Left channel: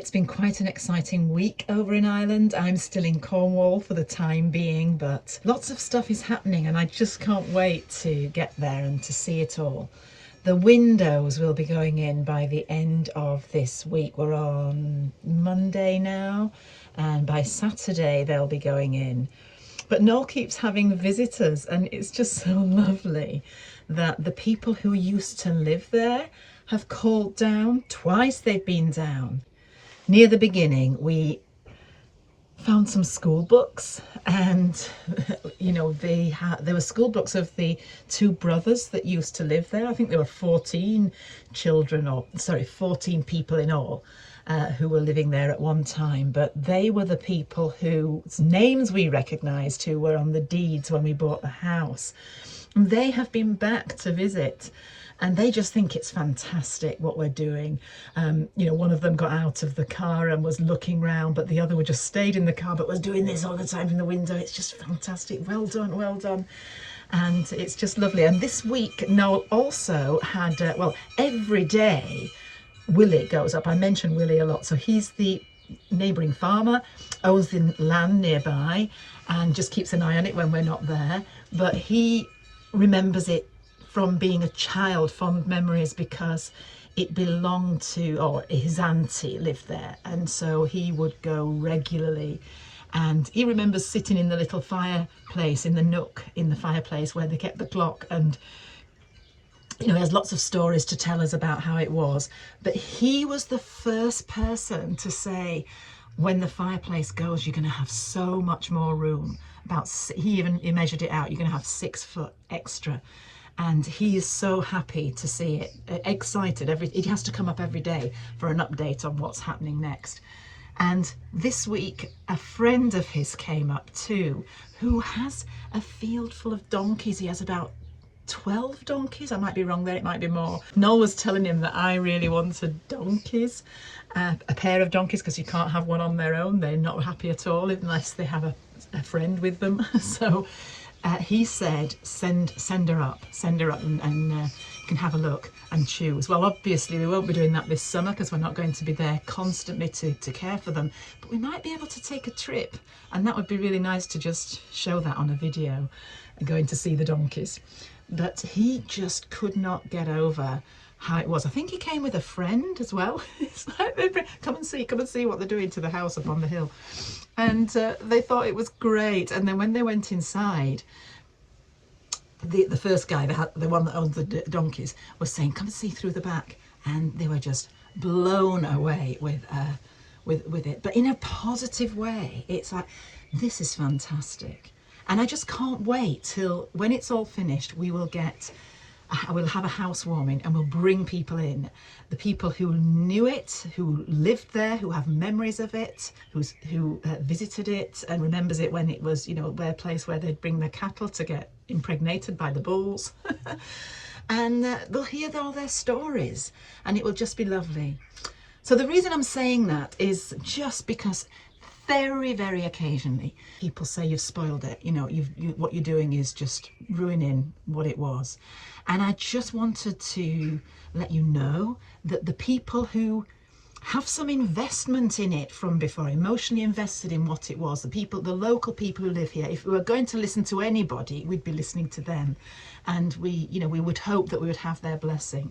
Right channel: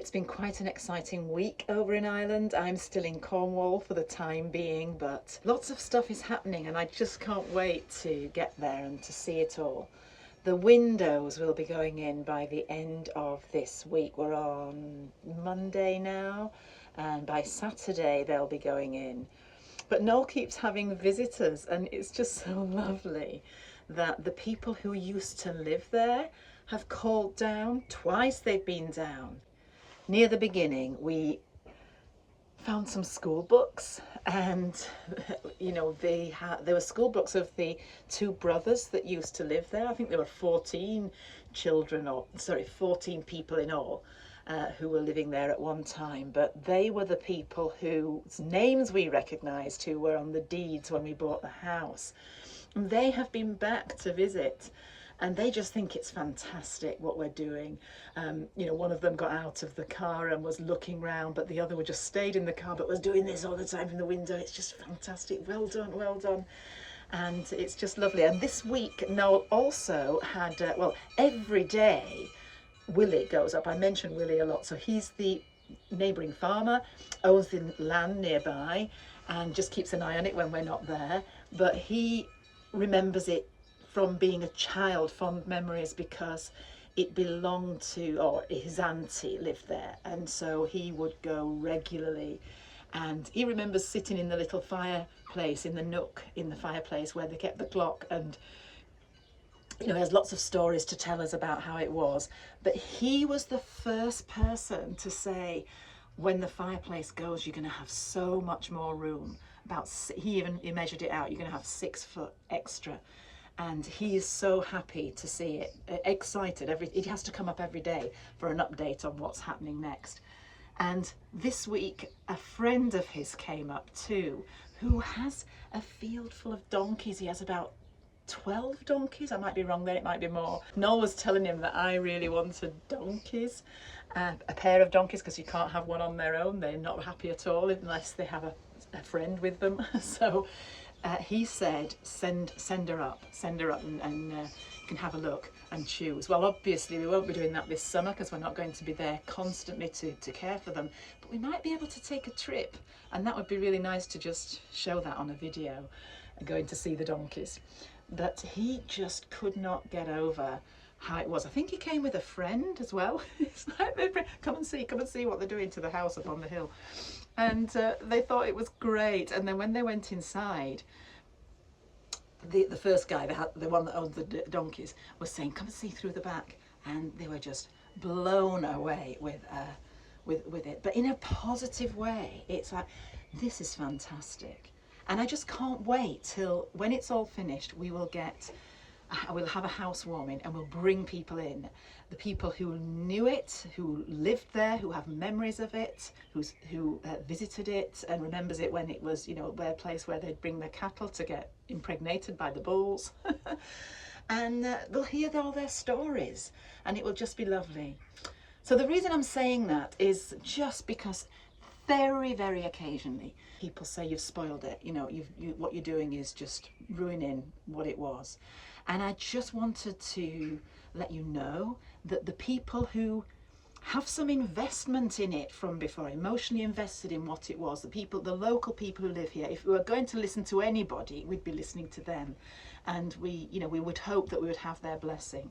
It's been quite an exciting week over in Ireland. I'm still in Cornwall for the time being, but lots of stuff is happening and I just can't wait to get there and to see it all. The windows will be going in by the end of this week. We're on Monday now, and by Saturday they'll be going in. But Noel keeps having visitors, and it's just so lovely that the people who used to live there have called down. Twice they've been down. Near the beginning, we found some school books, and you know, there were school books of the two brothers that used to live there. I think there were 14 children, or sorry, 14 people in all who were living there at one time, but they were the people whose names we recognised, who were on the deeds when we bought the house. And they have been back to visit, and they just think it's fantastic what we're doing. You know, one of them got out of the car and was looking round, but the other one just stayed in the car but was doing this all the time from the window. It's just fantastic. Well done, well done. And it's just lovely. And this week, Noel also had, well, every day Willie goes up. I mention Willie a lot. So he's the neighbouring farmer, owns the land nearby and just keeps an eye on it when we're not there. But he remembers it from being a child, fond memories, because it belonged to, or his auntie lived there, and so he would go regularly. And he remembers sitting in the little fireplace, in the nook in the fireplace where they kept the clock, and you know, he has lots of stories to tell us about how it was. But he was the first person to say, when the fireplace goes, you're going to have so much more room. He measured it out, you're going to have 6 foot extra. And he is so happy to see it, excited. He has to come up every day for an update on what's happening next. And this week, a friend of his came up too, who has a field full of donkeys. He has about 12 donkeys. I might be wrong there, it might be more. Noel was telling him that I really wanted donkeys, a pair of donkeys, because you can't have one on their own. They're not happy at all unless they have a friend with them. So he said, send her up and you can have a look and choose. Well, obviously we won't be doing that this summer because we're not going to be there constantly to care for them, but we might be able to take a trip, and that would be really nice to just show that on a video, going to see the donkeys. But he just could not get over how it was. I think he came with a friend as well. It's like, come and see what they're doing to the house up on the hill. And they thought it was great. And then when they went inside, the first guy, the one that owned the donkeys, was saying, come and see through the back. And they were just blown away with it, but in a positive way. It's like, this is fantastic. And I just can't wait till when it's all finished, we'll have a housewarming and we'll bring people in. The people who knew it, who lived there, who have memories of it, who visited it and remembers it when it was, you know, a place where they'd bring their cattle to get impregnated by the bulls. And they'll hear all their stories, and it will just be lovely. So the reason I'm saying that is just because very, very occasionally people say you've spoiled it. You know, what you're doing is just ruining what it was. And I just wanted to let you know that the people who have some investment in it from before, emotionally invested in what it was, the local people who live here, if we were going to listen to anybody, we'd be listening to them. And we would hope that we would have their blessing.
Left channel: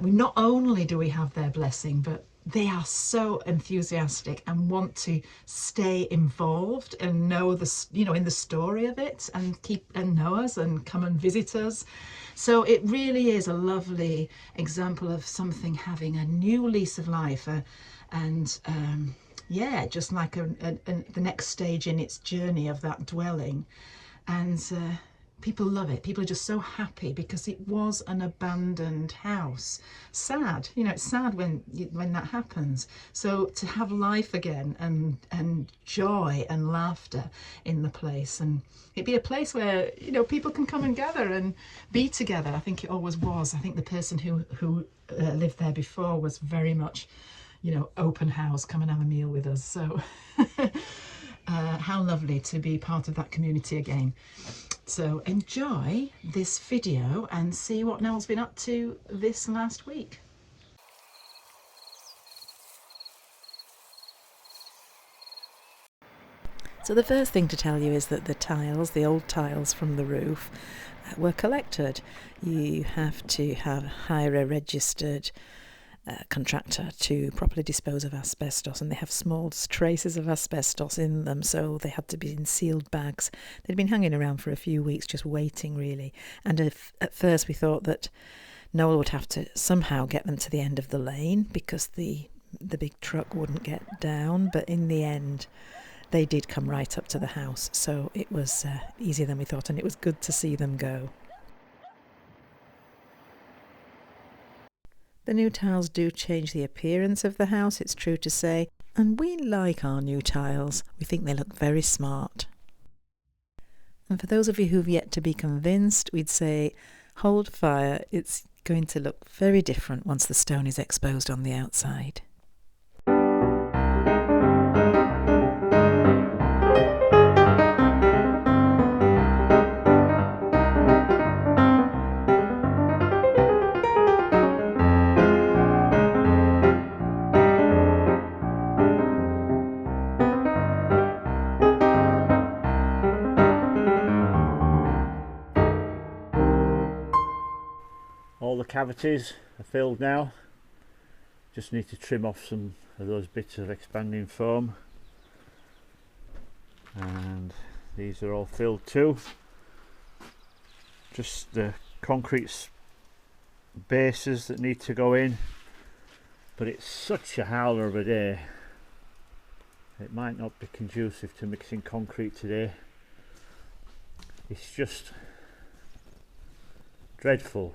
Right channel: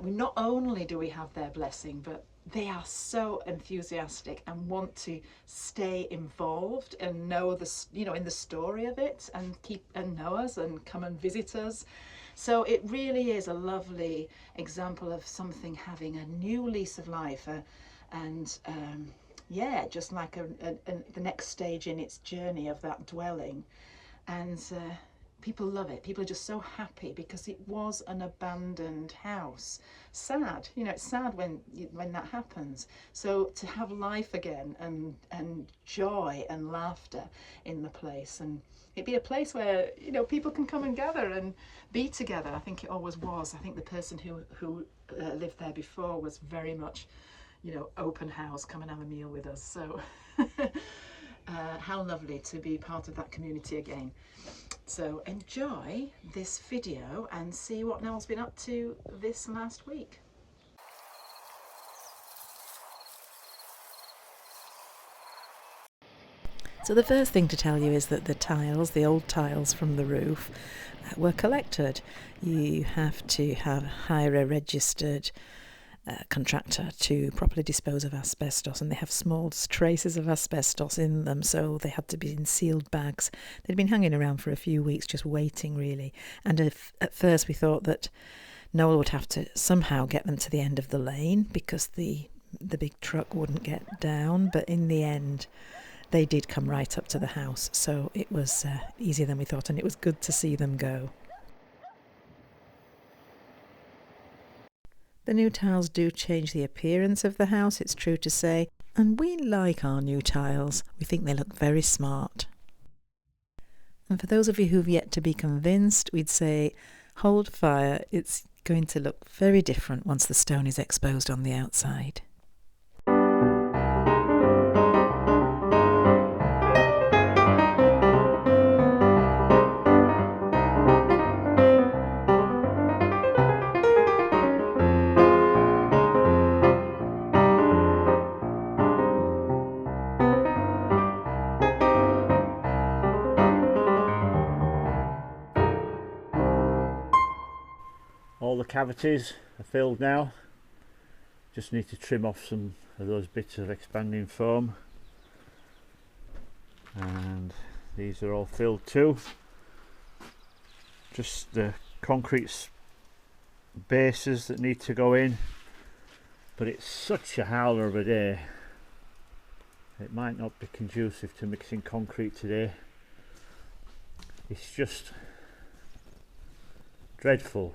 Not only do we have their blessing, but they are so enthusiastic and want to stay involved and know in the story of it, and know us and come and visit us. So it really is a lovely example of something having a new lease of life, yeah, just like the next stage in its journey of that dwelling. And people love it. People are just so happy because it was an abandoned house. Sad, you know, it's sad when that happens. So to have life again and joy and laughter in the place, and it'd be a place where, you know, people can come and gather and be together. I think it always was. I think the person who lived there before was very much, you know, open house, come and have a meal with us. So how lovely to be part of that community again. So enjoy this video and see what Noel's been up to this last week. So the first thing to tell you is that the tiles, the old tiles from the roof, were collected. You have to have hire a registered contractor to properly dispose of asbestos, and they have small traces of asbestos in them, so they had to be in sealed bags. They'd been hanging around for a few weeks just waiting, really, and at first we thought that Noel would have to somehow get them to the end of the lane because the big truck wouldn't get down, but in the end they did come right up to the house, so it was easier than we thought, and it was good to see them go. The new tiles do change the appearance of the house, it's true to say, and we like our new tiles. We think they look very smart. And for those of you who've yet to be convinced, we'd say hold fire. It's going to look very different once the stone is exposed on the outside. All the cavities are filled now. Just need to trim off some of those bits of expanding foam, and these are all filled too. Just the concrete bases that need to go in, but it's such a howler of a day, it might not be conducive to mixing concrete today. It's just dreadful,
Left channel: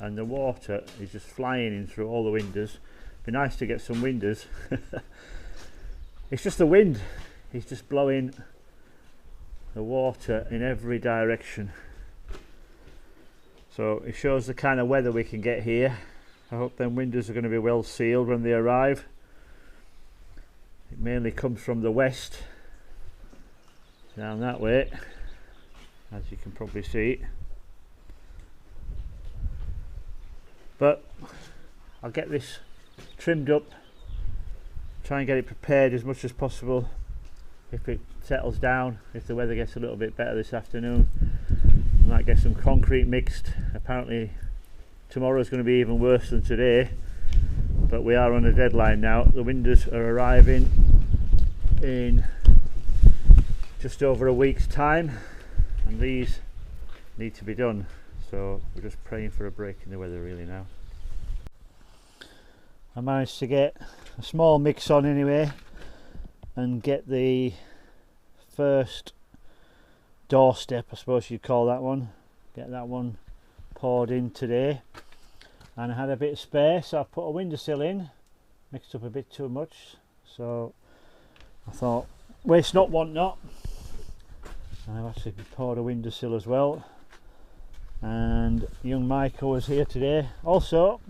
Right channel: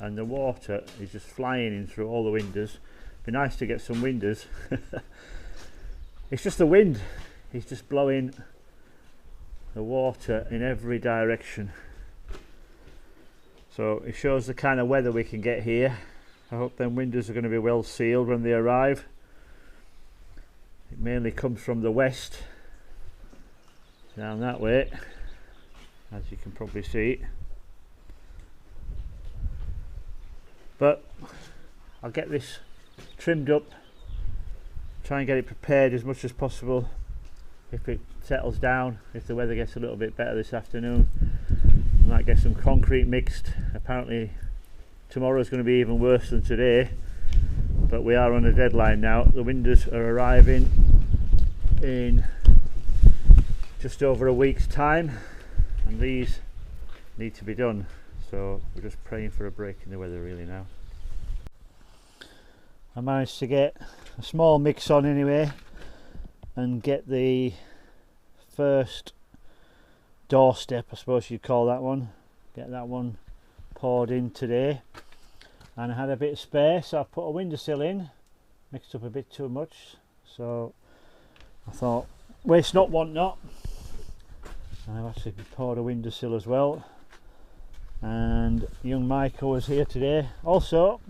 and the water is just flying in through all the windows. Be nice to get some windows. It's just the wind, it's just blowing the water in every direction. So it shows the kind of weather we can get here. I hope them windows are going to be well sealed when they arrive. It mainly comes from the west down that way, as you can probably see. But I'll get this trimmed up, try and get it prepared as much as possible if it settles down. If the weather gets a little bit better this afternoon, I might get some concrete mixed. Apparently tomorrow's going to be even worse than today, but we are on a deadline now. The windows are arriving in just over a week's time, and these need to be done. So we're just praying for a break in the weather really now. I managed to get a small mix on anyway and get the first doorstep, I suppose you'd call that one, get that one poured in today, and I had a bit of space, so I put a windowsill in, mixed up a bit too much, so I thought waste not, want not, and I've actually poured a windowsill as well. And young Michael was here today. Also,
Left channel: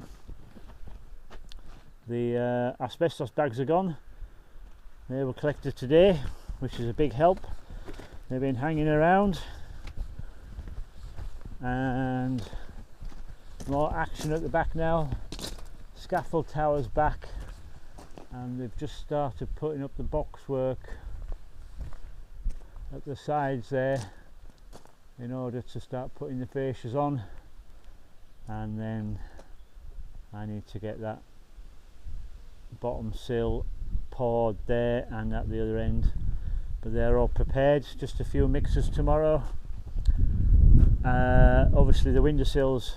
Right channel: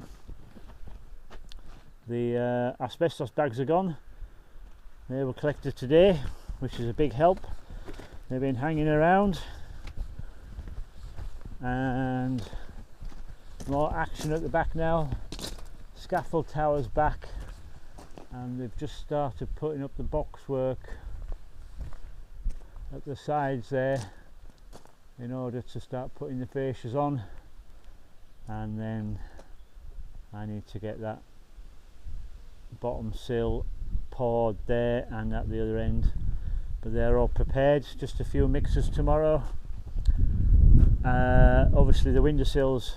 the asbestos bags are gone. They were collected today, which is a big help. They've been hanging around, and more action at the back now. Scaffold tower's back, and they've just started putting up the boxwork at the sides there in order to start putting the fascias on, and then I need to get that bottom sill poured there and at the other end, but they're all prepared. Just a few mixers tomorrow. Obviously the windowsills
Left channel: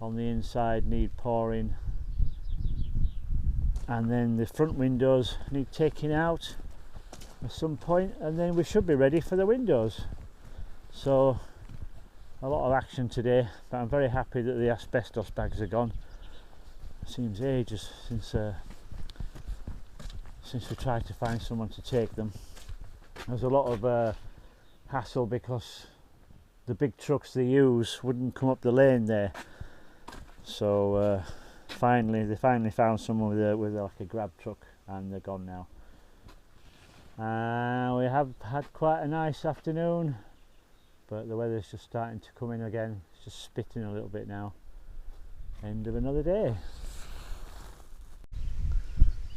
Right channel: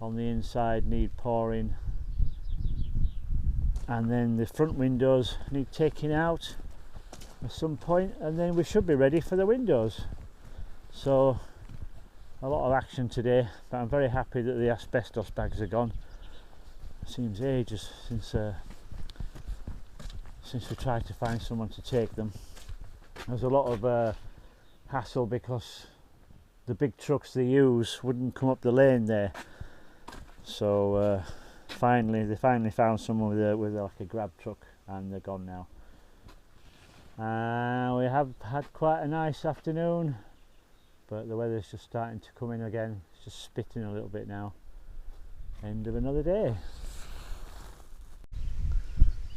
on the inside need pouring, and then the front windows need taking out at some point, and then we should be ready for the windows. So a lot of action today, but I'm very happy that the asbestos bags are gone. It seems ages since we tried to find someone to take them. There's a lot of hassle because the big trucks they use wouldn't come up the lane there. So they finally found someone with like a grab truck, and they're gone now. We have had quite a nice afternoon, but the weather's just starting to come in again. It's just spitting a little bit now. End of another day.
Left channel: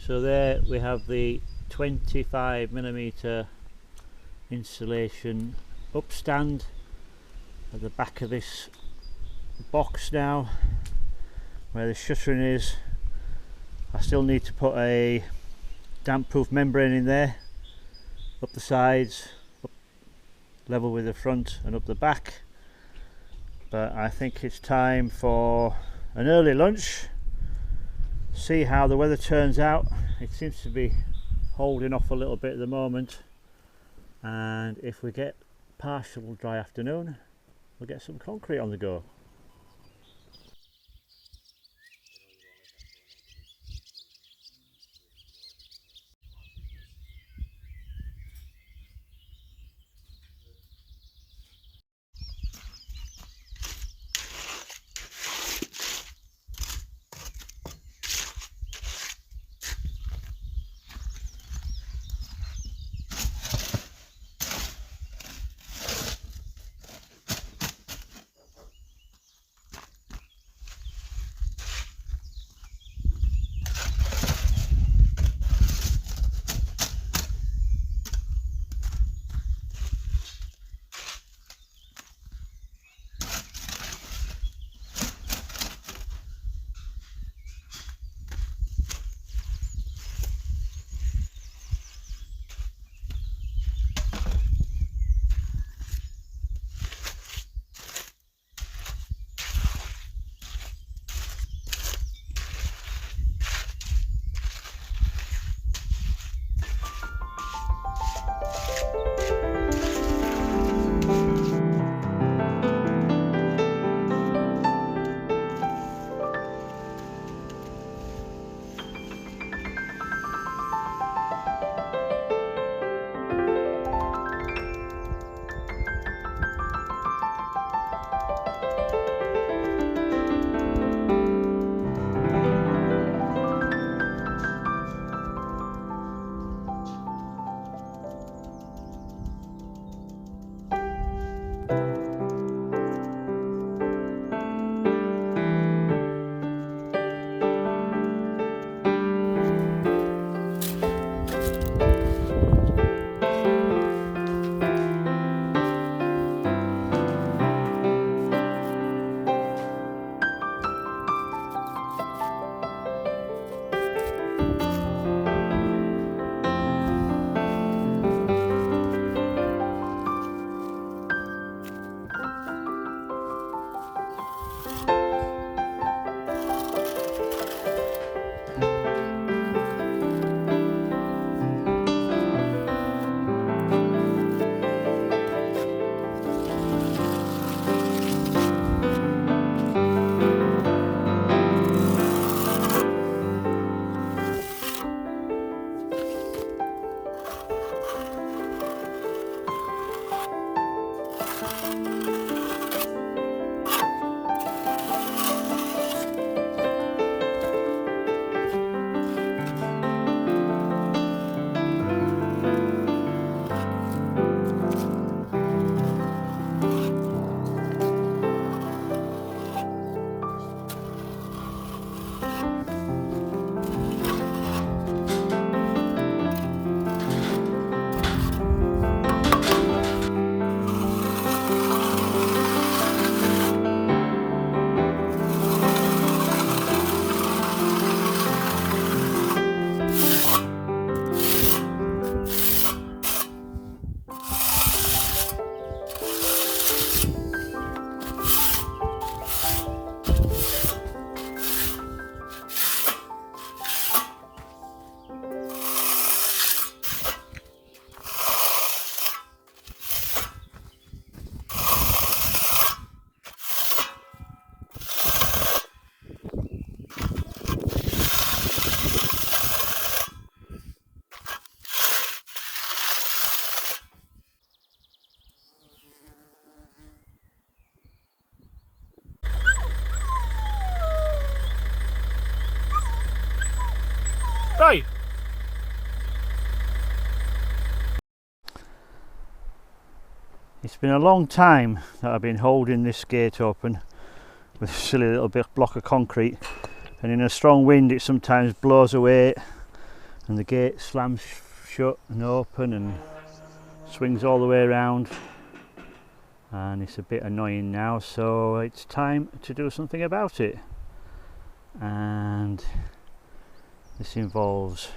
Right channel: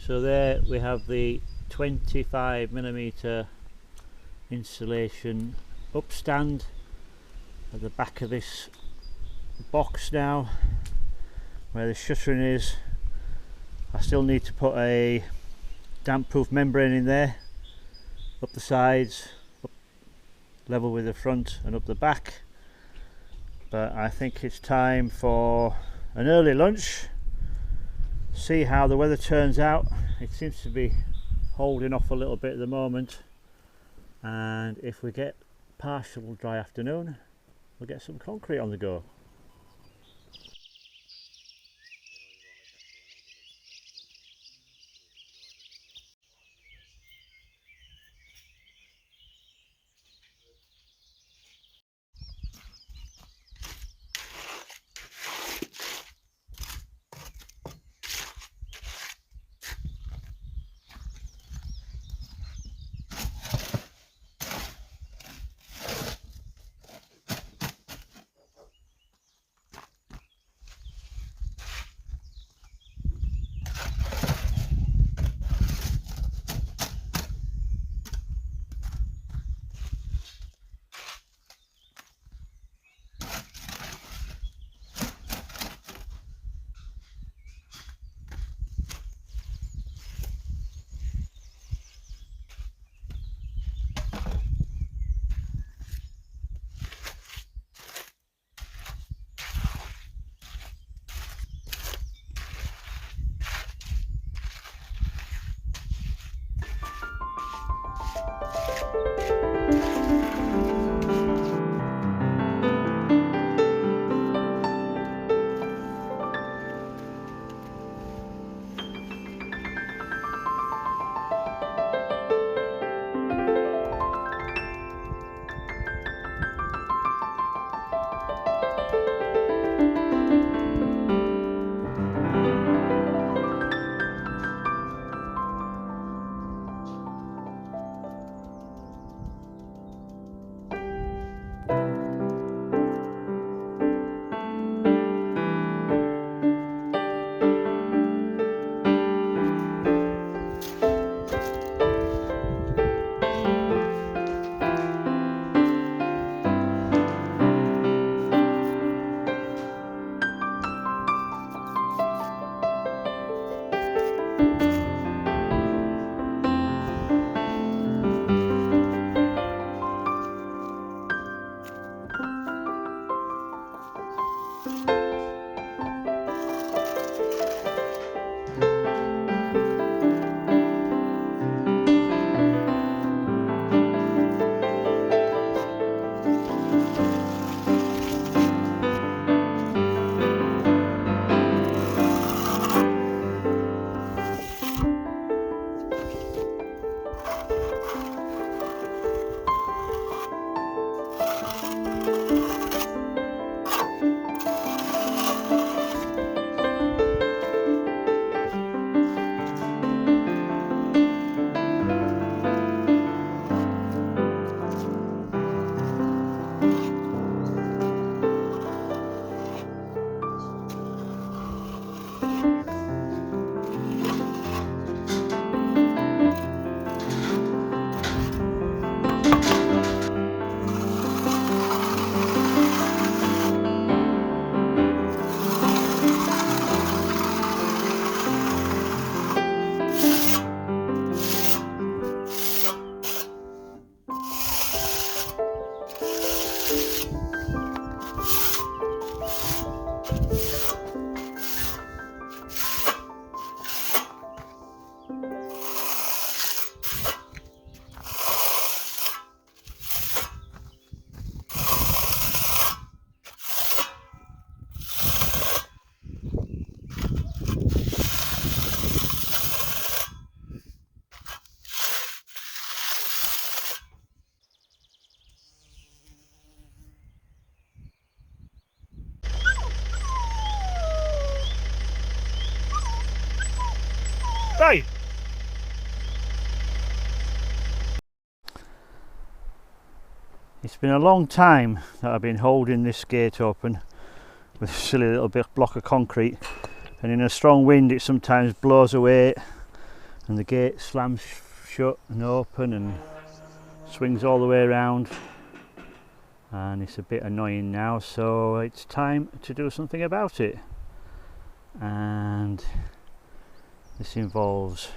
So there we have the 25mm insulation upstand at the back of this box now where the shuttering is. I still need to put a damp proof membrane in there, up the sides, up level with the front and up the back. But I think it's time for an early lunch, see how the weather turns out. It seems to be holding off a little bit at the moment, and if we get partial dry afternoon, we'll get some concrete on the go. Right. It's been a long time that I've been holding this gate open with a silly little block of concrete, and in a strong wind it sometimes blows away and the gate slams shut and open, and swings all the way around, and it's a bit annoying now, so it's time to do something about it. And this involves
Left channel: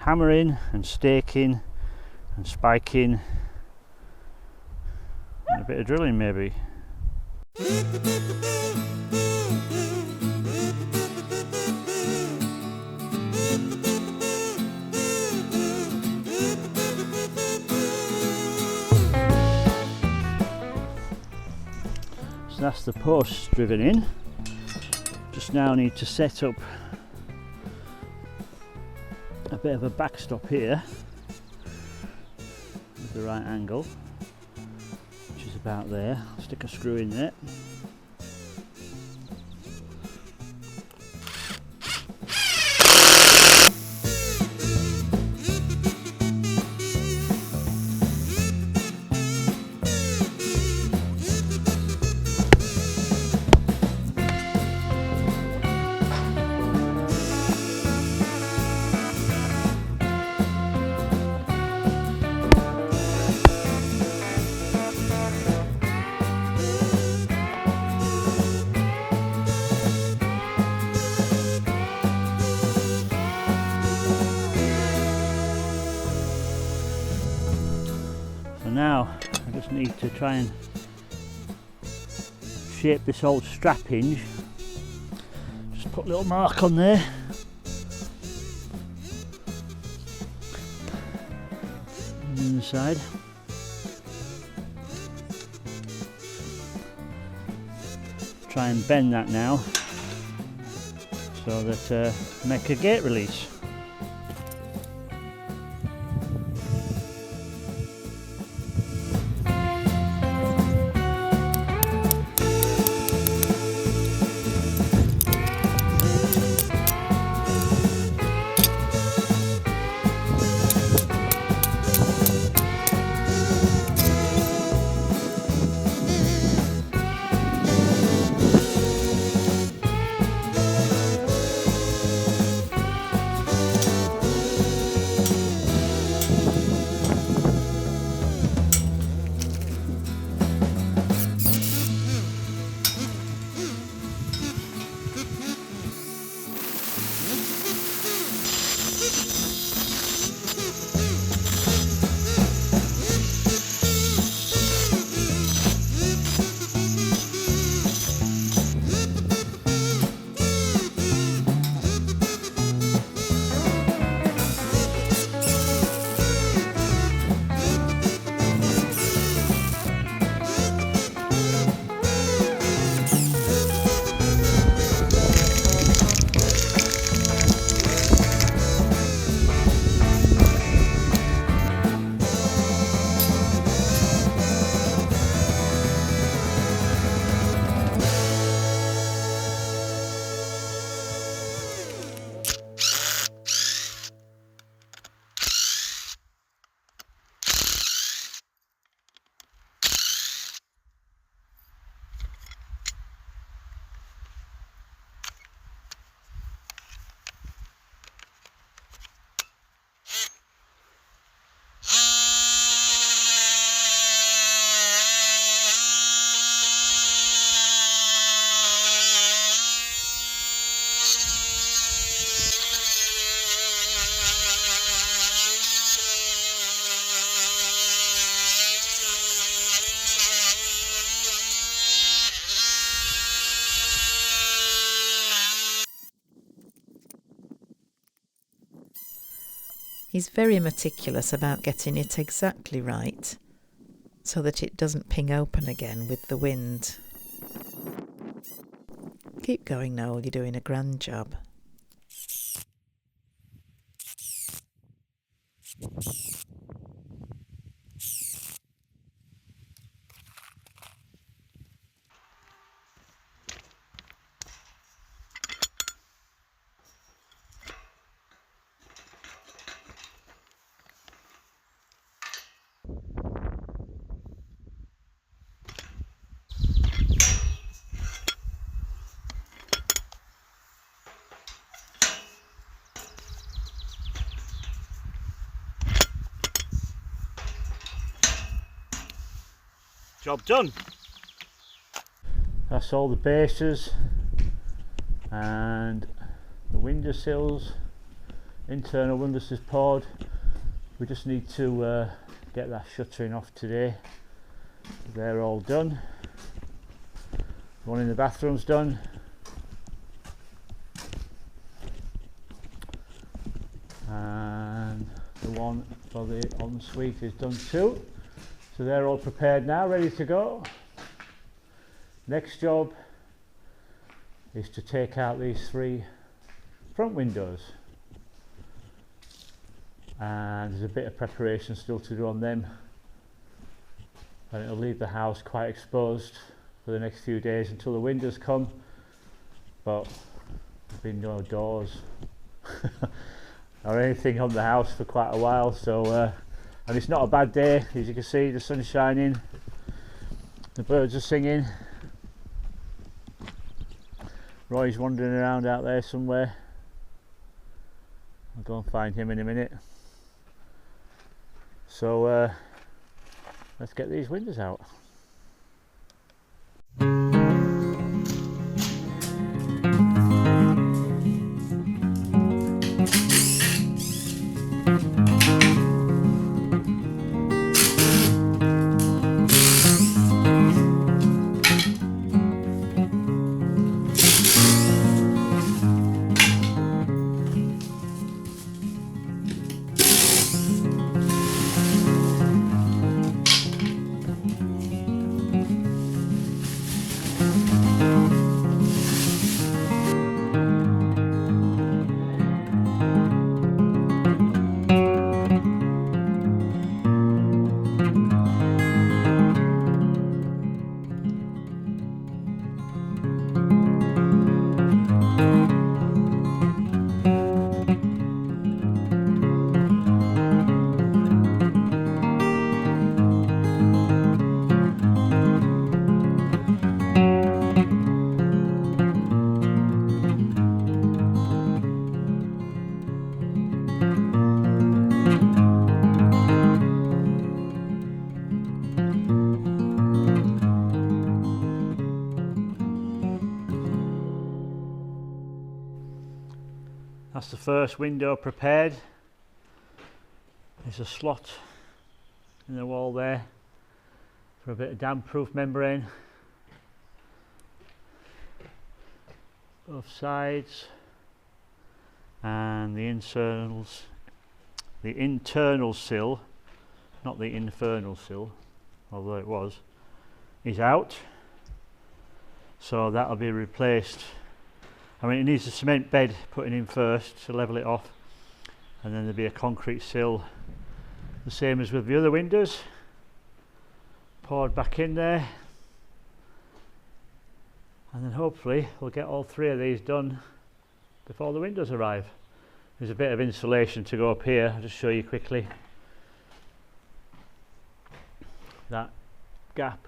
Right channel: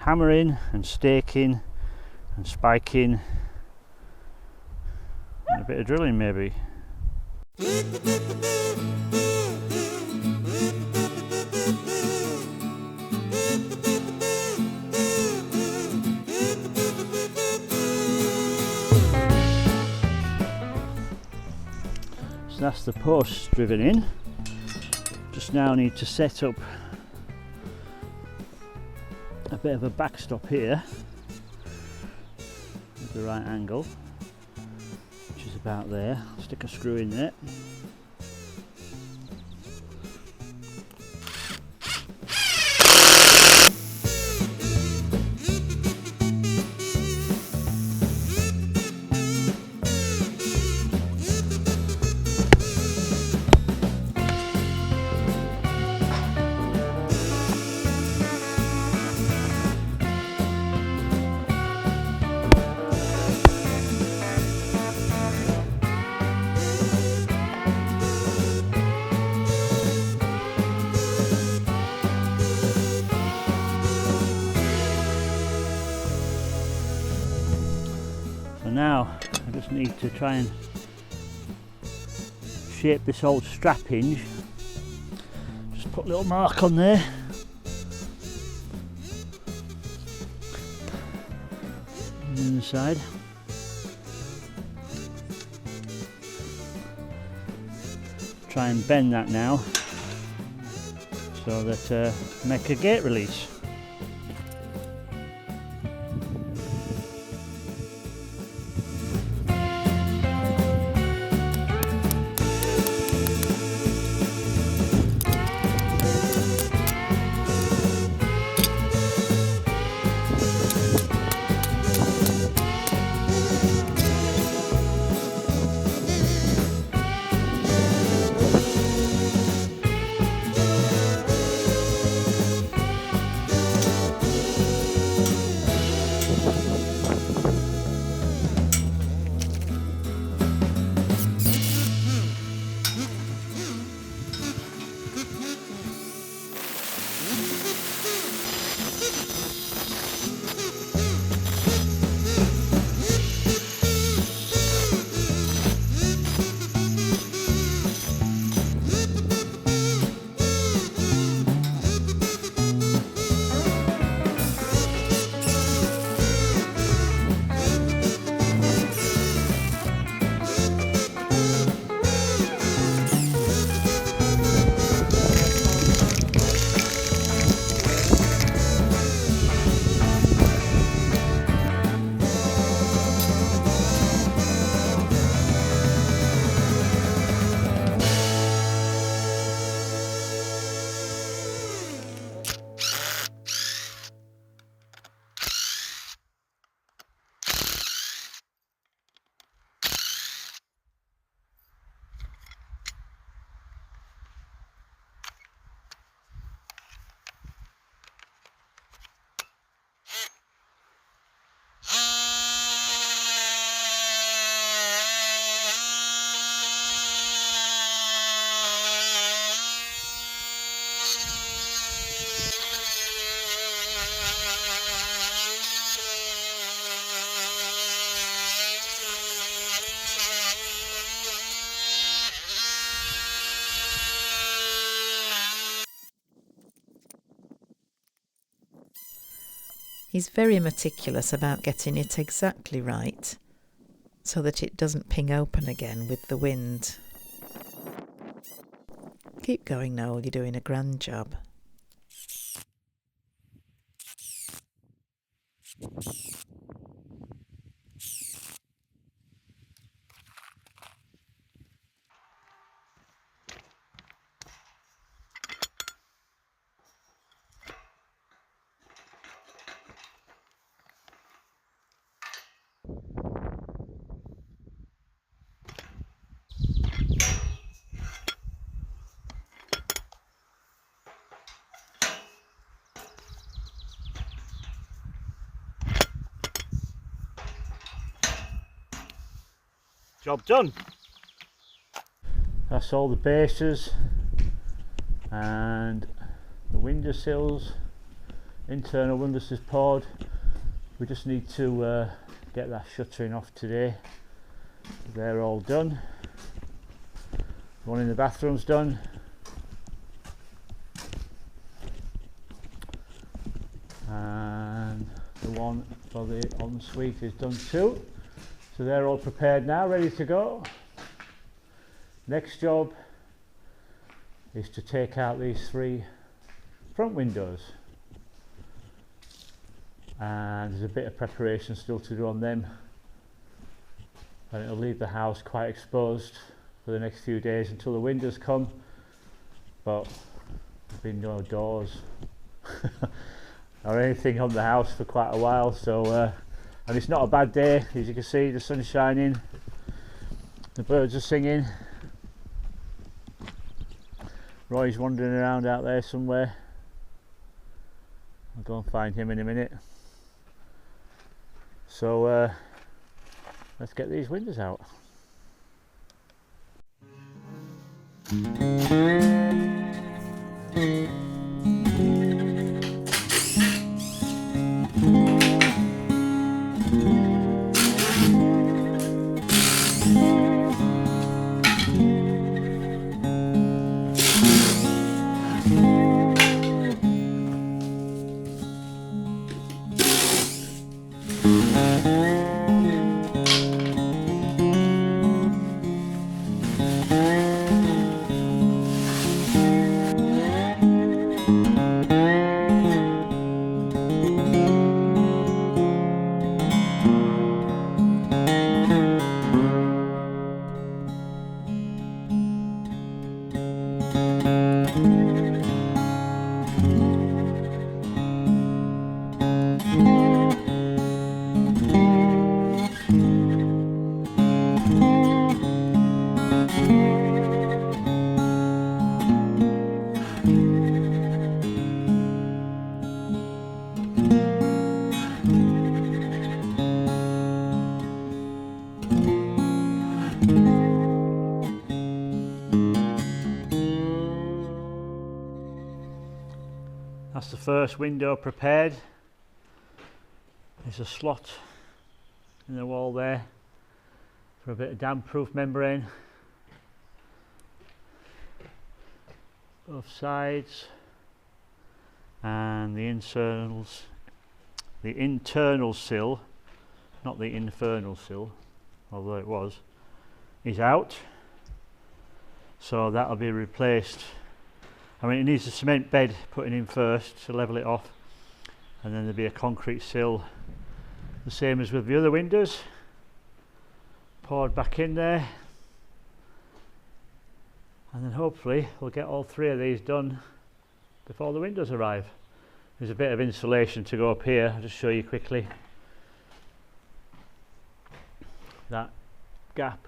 hammering and staking and spiking and a bit of drilling maybe. So that's the posts driven in. Just now need to set up a bit of a backstop here with the right angle, which is about there. Stick a screw in there. So now I just need to try and shape this old strap hinge. Just put a little mark on there. And then the side. Try and bend that now so that make a gate release. He's very meticulous about getting it exactly right so that it doesn't ping open again with the wind. Keep going, Noel, you're doing a grand job. job done. That's all the bases and the window sills, internal windows is poured. We just need to get that shuttering off today. They're all done. The one in the bathroom's done. And the one for the ensuite is done too. So they're all prepared now, ready to go. Next job is to take out these 3 front windows. And there's a bit of preparation still to do on them. And it'll leave the house quite exposed for the next few days until the windows come. But there's been no doors or anything on the house for quite a while, so and it's not a bad day. As you can see, the sun's shining, the birds are singing. Roy's wandering around out there somewhere. I'll go and find him in a minute. So let's get these windows out. That's the first window prepared. There's a slot in the wall there for a bit of damp-proof membrane. Both sides, and the internal sill, not the infernal sill, although it was, is out. So that'll be replaced. I mean, it needs a cement bed putting in first to level it off, and then there'll be a concrete sill, the same as with the other windows, poured back in there, and then hopefully we'll get all 3 of these done before the windows arrive. There's a bit of insulation to go up here. I'll just show you quickly. That gap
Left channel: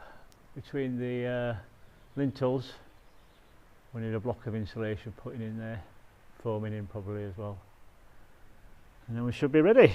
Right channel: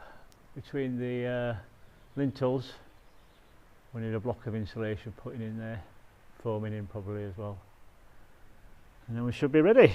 between the lintels, we need a block of insulation putting in there, foaming in probably as well, and then we should be ready.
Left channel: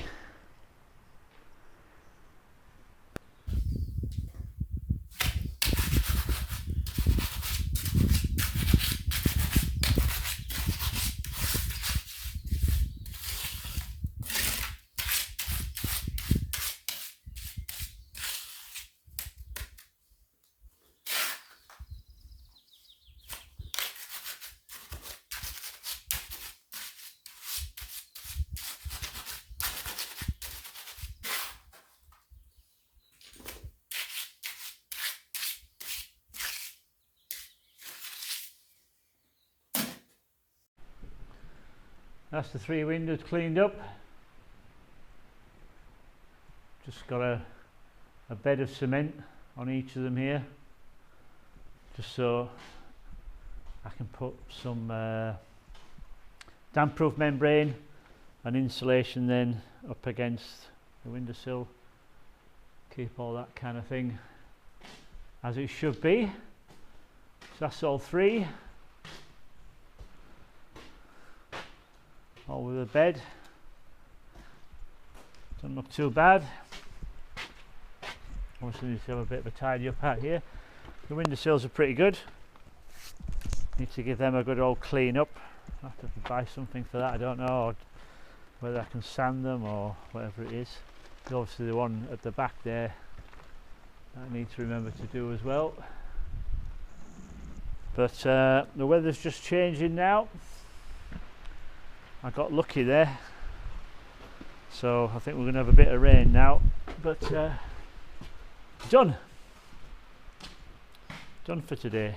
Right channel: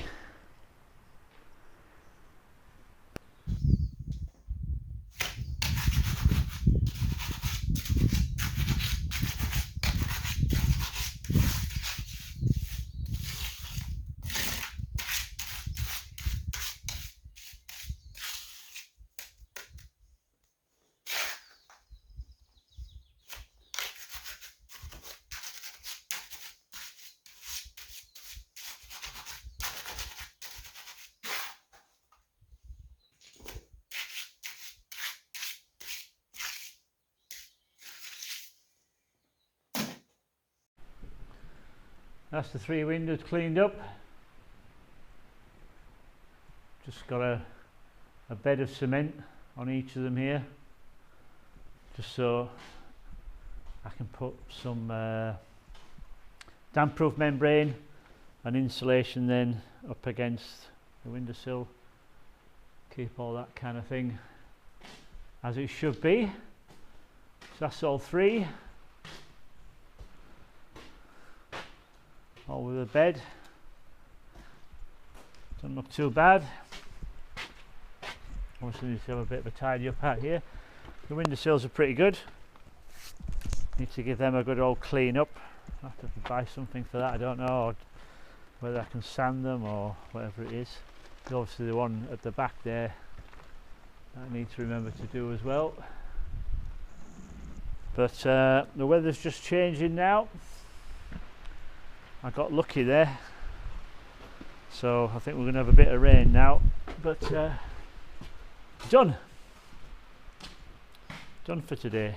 That's the 3 windows cleaned up. Just got a bed of cement on each of them here, just so I can put some damp-proof membrane and insulation then up against the windowsill. Keep all that kind of thing as it should be. So that's all 3. All with a bed. Doesn't look too bad. Obviously need to have a bit of a tidy up out here. The windowsills are pretty good. Need to give them a good old clean up. I have to buy something for that, I don't know, or whether I can sand them or whatever it is. There's obviously the one at the back there that I need to remember to do as well. But the weather's just changing now. I got lucky there, so I think we're going to have a bit of rain now. But done for today.